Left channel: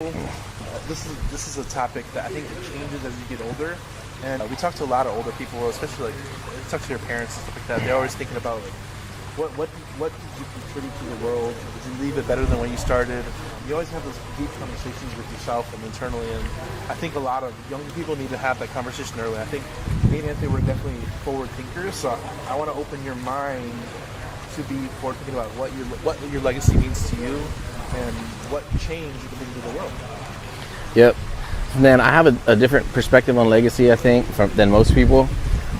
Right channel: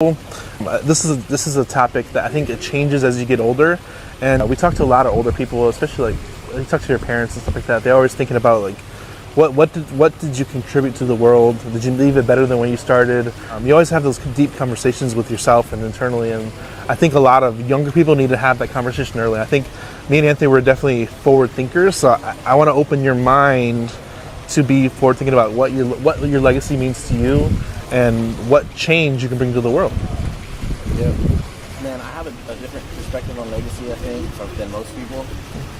This is a topic that I think it changes as you get older, and we talk to a lot of older people, especially like you talk to your parents and stuff like that. They're always thinking about like, what did you contribute to the world? Did you leave it better than when you started? You always have those deep conversations with yourself and internally, and I think a lot of younger people need to have that conversation early. I think me and Anthony were definitely forward thinkers, so I want to open your mind to be forward thinking about what your legacy means to you and what change you can bring to the world. Yep. Man, I have a different perspective on legacy, I think, than most people.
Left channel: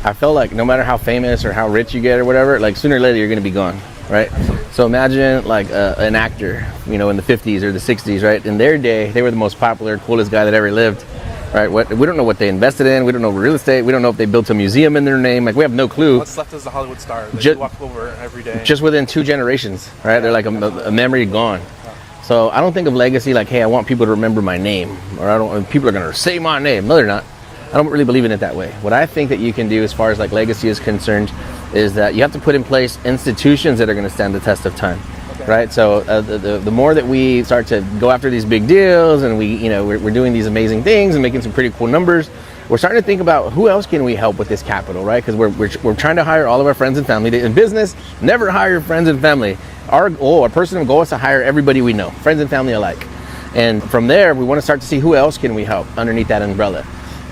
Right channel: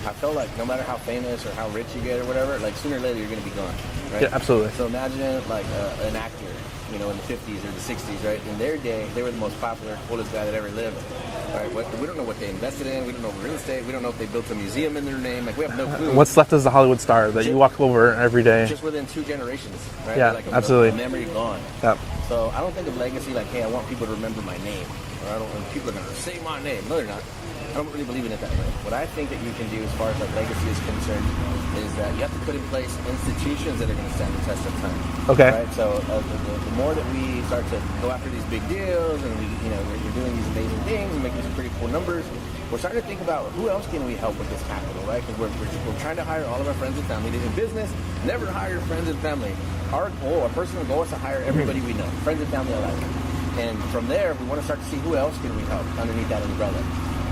I feel like no matter how famous or how rich you get or whatever, like sooner or later you're going to be gone, right? Yeah, absolutely. So imagine like an actor, in the 50s or the 60s, right? In their day, they were the most popular, coolest guy that ever lived, right? We don't know what they invested in. We don't know real estate. We don't know if they built a museum in their name. Like, we have no clue. What's left as a Hollywood star that you walk over every day? Just within 2 generations, right? Yeah, they're like a memory gone. Yeah. So I don't think of legacy like, hey, I want people to remember my name, or people are going to say my name. No, they're not. I don't really believe in it that way. What I think that you can do as far as like legacy is concerned is that you have to put in place institutions that are going to stand the test of time. Okay. Right. So the more that we start to go after these big deals, and we're doing these amazing things and making some pretty cool numbers, we're starting to think about who else can we help with this capital, right? Because we're trying to hire all of our friends and family. In business, never hire your friends and family. Our personal goal is to hire everybody we know, friends and family alike. And from there, we want to start to see who else can we help underneath that umbrella.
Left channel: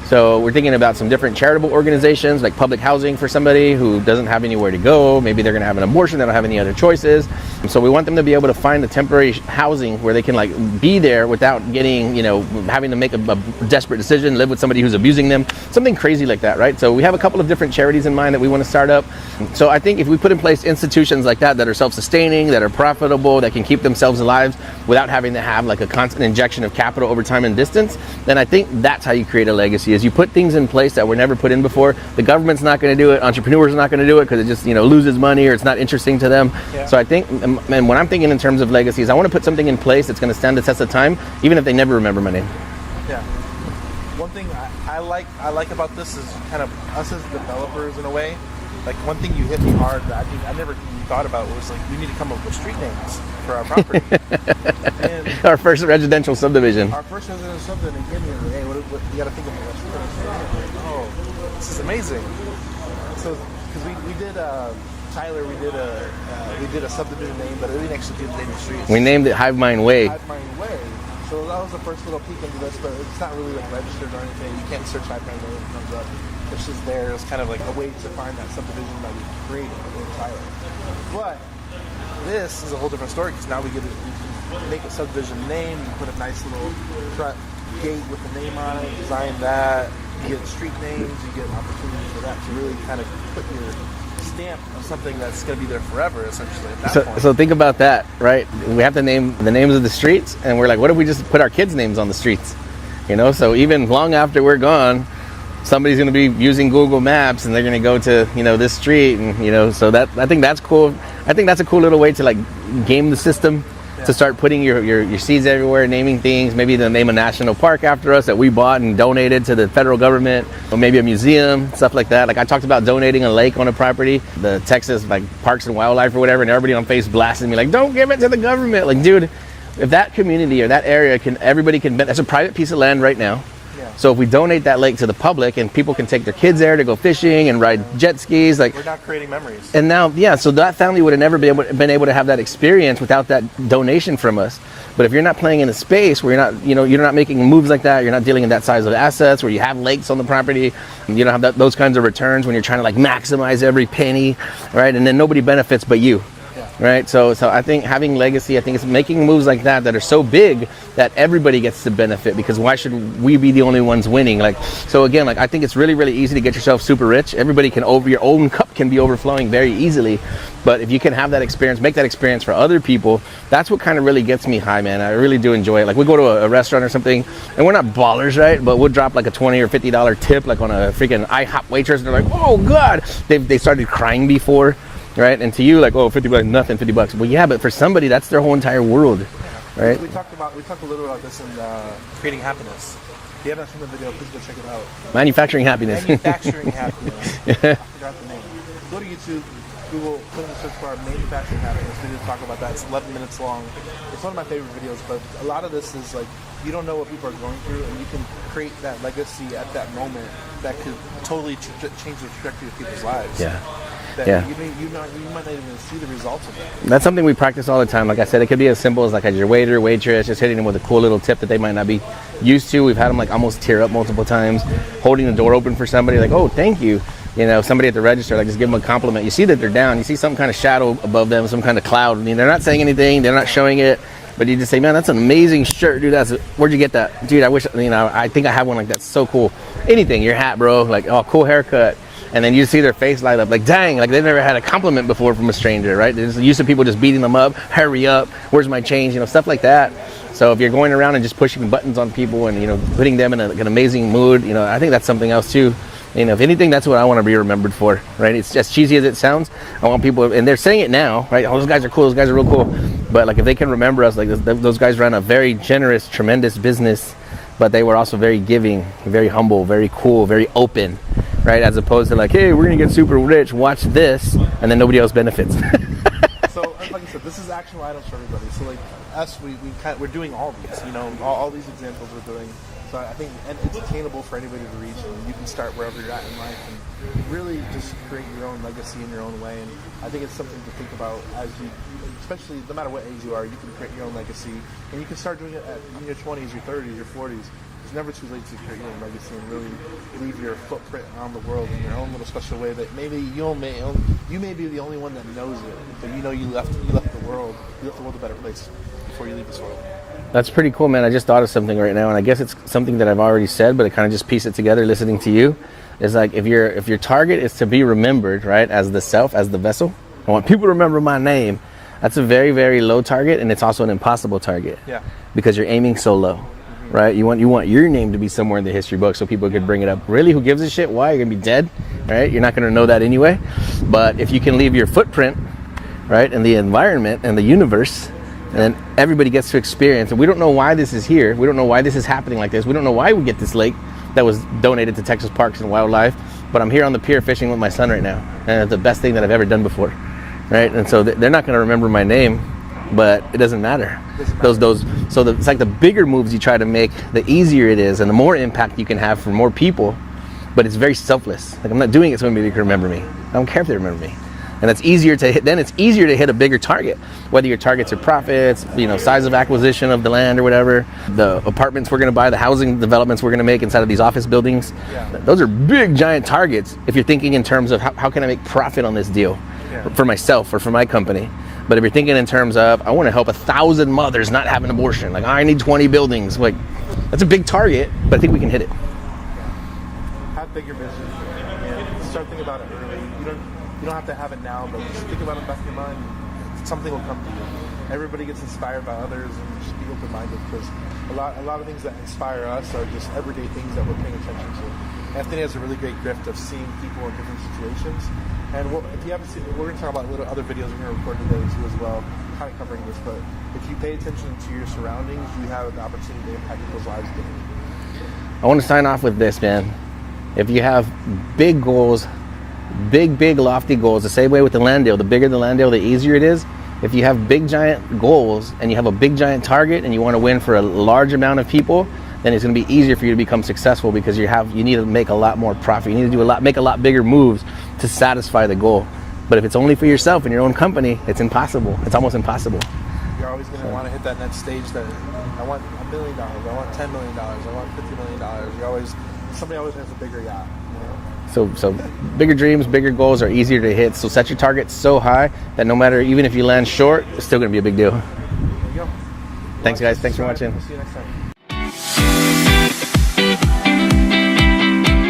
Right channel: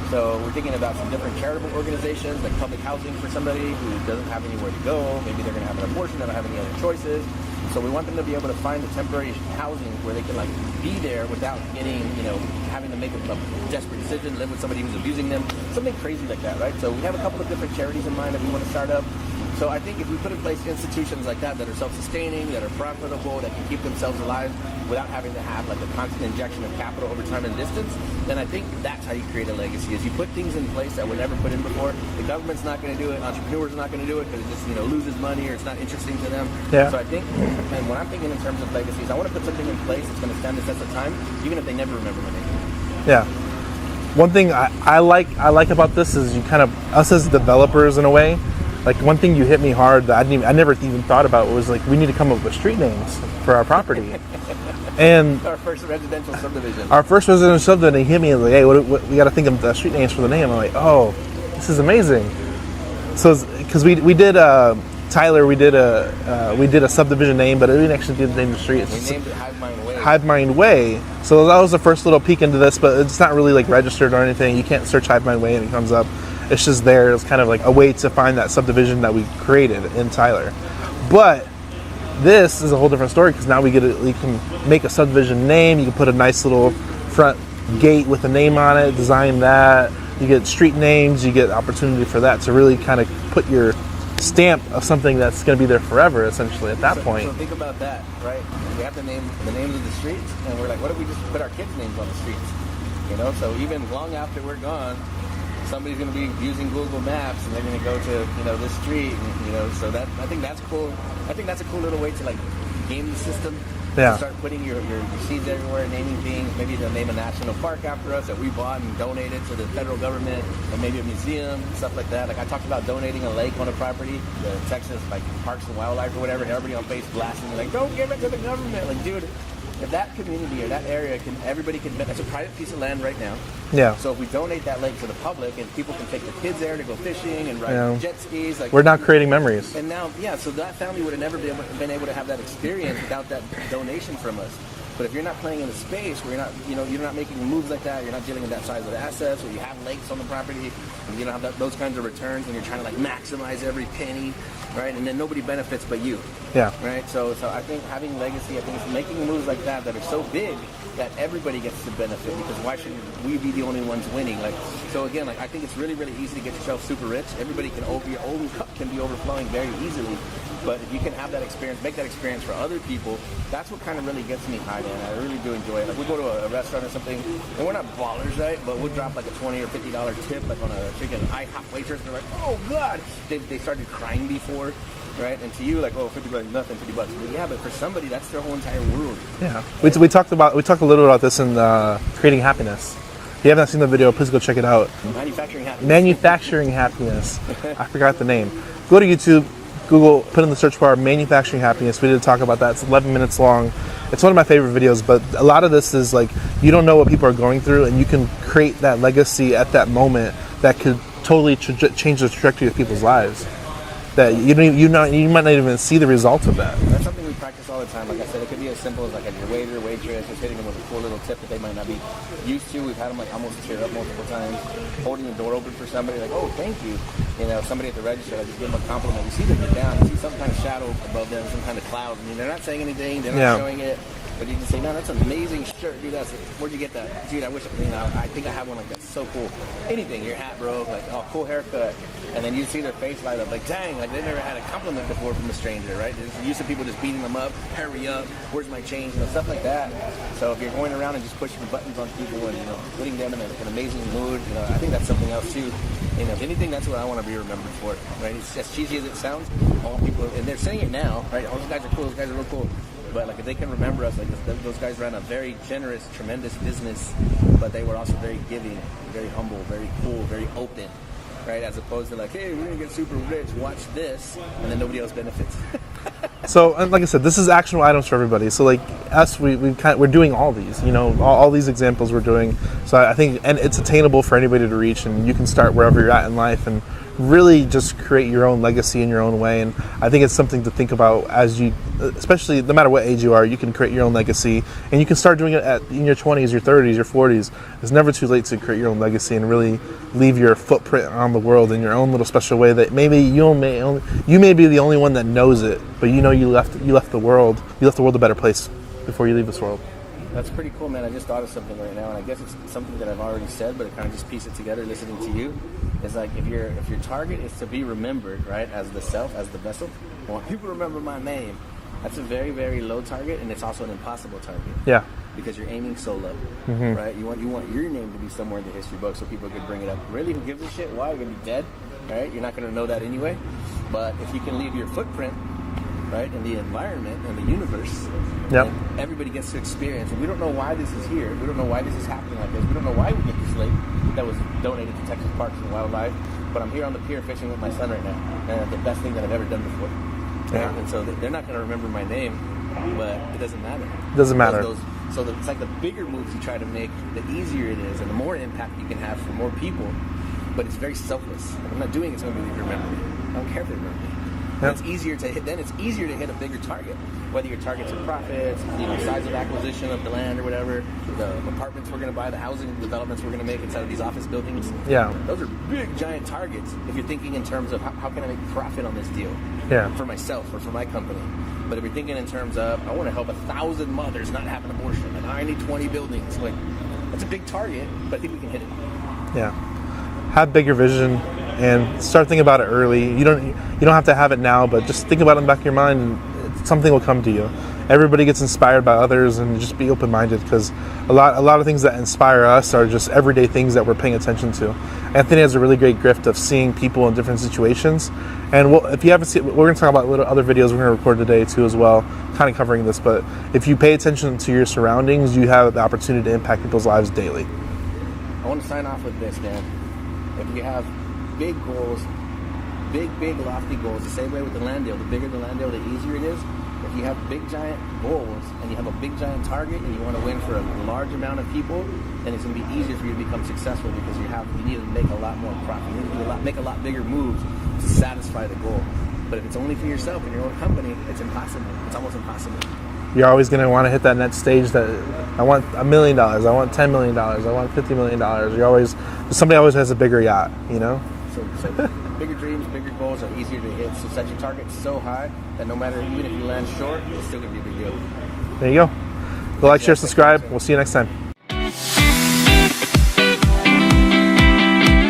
So we're thinking about some different charitable organizations, like public housing for somebody who doesn't have anywhere to go. Maybe they're going to have an abortion, they don't have any other choices. So we want them to be able to find a temporary housing where they can like be there without getting, having to make a desperate decision, live with somebody who's abusing them, something crazy like that, right? So we have a couple of different charities in mind that we want to start up. So I think if we put in place institutions like that are self-sustaining, that are profitable, that can keep themselves alive without having to have like a constant injection of capital over time and distance, then I think that's how you create a legacy, is you put things in place that were never put in before. The government's not going to do it, entrepreneurs are not going to do it because it just loses money or it's not interesting to them. Yeah. So I think, and when I'm thinking in terms of legacies, I want to put something in place that's going to stand the test of time, even if they never remember my name. Yeah. One thing I like about this is you kind of, us as developers in a way, like one thing you hit me hard that I never even thought about was like, we need to come up with street names for our property. And our first residential subdivision. He hit me and was like, hey, what we got to think of the street names for the name. I'm like, oh, this is amazing. So because we did Tyler, we did a subdivision name, but we didn't actually do the name of the street. We named it Hive Mind Way. Hive Mind Way. So that was the first little peek into this, but it's not really like registered or anything. You can't search Hive Mind Way and it comes up. It's just there. It's kind of like a way to find that subdivision that we created in Tyler. But this is a whole different story because now you can make a subdivision name. You can put a nice little front gate with a name on it, design that. You get street names. You get opportunity for that to really kind of put your stamp of something that's going to be there forever, essentially, at that point. So think about that, right? We have to name the names of the streets, and we're like, what if we just put our kids' names on the streets? So even long after we're gone, somebody's going to be using Google Maps and they're going to go to, this street. And, so that, I think that's cool. I think that's a cool little way to like game the system, to start putting your seeds everywhere, naming things, maybe to name a national park after us that we bought and donated to the federal government, or maybe a museum, stuff like that. Like I talked about donating a lake on a property, the Texas like Parks and Wildlife or whatever, and everybody on Facebook blasting me like, don't give it to the government. Like, dude, if that community or that area everybody can, that's a private piece of land right now. Yeah. So if we donate that lake to the public and people can take their kids there to go fishing and ride jet skis, like we're not creating memories. And now, so that family would have never been able to have that experience without that donation from us. But if you're not playing in a space where you're not making moves like that, you're not dealing in that size of assets, where you have lakes on the property, you don't have those kinds of returns when you're trying to like maximize every penny, right? And then nobody benefits but you. Yeah. Right. So I think having legacy, I think it's making moves like that are so big that everybody gets to benefit, because why should we be the only ones winning? Like, so again, like I think it's really, really easy to get yourself super rich. Everybody your own cup can be overflowing very easily. But if you can have that experience, make that experience for other people, that's what kind of really gets me high, man. I really do enjoy it. Like we go to a restaurant or something, and we're not ballers, right? But we'll drop like a $20 or $50 tip, like on a freaking IHOP waitress, and they're like, oh God, they started crying before. Right, and to you, like, oh, $50, nothing, $50. Well, yeah, but for somebody, that's their whole entire world. Yeah, right? We talked a little about this in Creating Happiness. If you haven't seen the video, please go check it out. Manufacturing Happiness. Manufacturing Happiness. I forgot the name. Go to YouTube, Google, put in the search bar Manufacturing Happiness. We did talk about that. It's 11 minutes long. it's one of my favorite videos, but a lot of this is like, you don't know what people are going through, and you can create that legacy at that moment that could totally change the trajectory of people's lives. Yeah. That you might not even see the result of that. That's something we practice all the time. Like I said, it could be as simple as like as your waiter, waitress, just hitting them with a cool little tip that they might not be used to. We've had them like almost tear up multiple times, holding the door open for somebody, like, oh, thank you. You know, somebody at the register, like just give them a compliment. You see that they're down. You see some kind of shadow above them, some kind of cloud. I mean, they're not saying anything. They're not showing it. But you just say, man, that's an amazing shirt, dude. Where'd you get that? Dude, I wish, I think I have one like that. So cool. Anything, your hat, bro. Like, oh, cool haircut. And then you see their face light up, like, dang, like they've never had a compliment before from a stranger, right? They're used to people just beating them up, hurry up, where's my change, stuff like that. So if you're going around and just pushing buttons on people and, putting them in an amazing mood, I think that's something else too. If anything, that's what I want to be remembered for, right? It's as cheesy as it sounds. I want people, and they're saying it now, right? Oh, those guys are cool, those guys are real cool. But like if they can remember us, like those guys ran a very generous, tremendous business, but they were also very giving, very humble, very cool, very open. Right, as opposed to like, hey, we're gonna get super rich, watch this, and then nobody else benefits. So, and like I said, this is actionable items for everybody. So, like us, we're doing all these, all these examples we're doing. So I think, and it's attainable for anybody to reach, and you can start wherever you're at in life and really just create your own legacy in your own way. And I think it's something to think about as you, especially no matter what age you are, you can create your own legacy, and you can start doing it in your 20s, your 30s, your 40s. It's never too late to create your own legacy and really leave your footprint on the world in your own little special way that maybe you may be the only one that knows it, but you left the world a better place before you leave this world. That's pretty cool, man. I just thought of something right now, and I guess it's something that I've already said, but I kind of just piece it together listening to you. It's like if your target is to be remembered, right, as the self, as the vessel, I want people to remember my name. That's a very, very low target, and it's also an impossible target. Yeah. Because you're aiming so low, right? You want your name to be somewhere in the history book so people could bring it up. Really, who gives a shit? Why? You're gonna be dead, right? You're not gonna know that anyway. But if you can leave your footprint, right, in the environment and the universe, then everybody gets to experience. And we don't know why this is here. We don't know why this is happening like this. We don't know why we get this lake that was donated to Texas Parks and Wildlife. But I'm here on the pier fishing with my son right now, and it's the best thing that I've ever done before, right? And so they're not going to remember my name, but it doesn't matter. It doesn't matter. It's like the bigger moves you try to make, the easier it is, and the more impact you can have for more people. But it's very selfless. Like I'm not doing it so anybody can remember me. I don't care if they remember me. And that's easier to hit. Then it's easier to hit a bigger target, whether your targets are profits, size of acquisition of the land or whatever, the apartments we're going to buy, the housing developments we're going to make inside of these office buildings. Yeah, those are big, giant targets. If you're thinking in terms of how can I make profit on this deal, for myself or for my company. But if you're thinking in terms of I want to help 1,000 mothers not have an abortion, like I need 20 buildings, like that's a big target, but I think we can hit it. Yeah, have bigger vision and start thinking about it early. You don't have to have it now, but just think about it in the back of your mind and something will come to you. Everybody gets inspired by others, and just be open-minded, because a lot of things that inspire us are just everyday things that we're paying attention to. Anthony has a really great gift of seeing people in different situations. And if you haven't seen, we're going to talk about other videos we're going to record today too as well, kind of covering this. But if you pay attention to your surroundings, you have the opportunity to impact people's lives daily. I want to sign off with this, man. If you have big goals, big lofty goals, the same way with the land deal, the bigger the land deal, the easier it is. If you have big giant goals and you have a big giant target and you want to win for a large amount of people, then it's going to be easier for you to become successful, because you need to make a lot more profit. You need to make a lot bigger moves to satisfy the goal. But if it's only for yourself and your own company, it's impossible. It's almost impossible. You're always going to want to hit that next stage that I want $1 million, I want $10 million, I want $50 million. Somebody always has a bigger yacht, So bigger dreams, bigger goals are easier to hit. So set your targets so high that no matter, even if you land short, it's still going to be a big deal. There you go. Like, share, subscribe. We'll see you next time.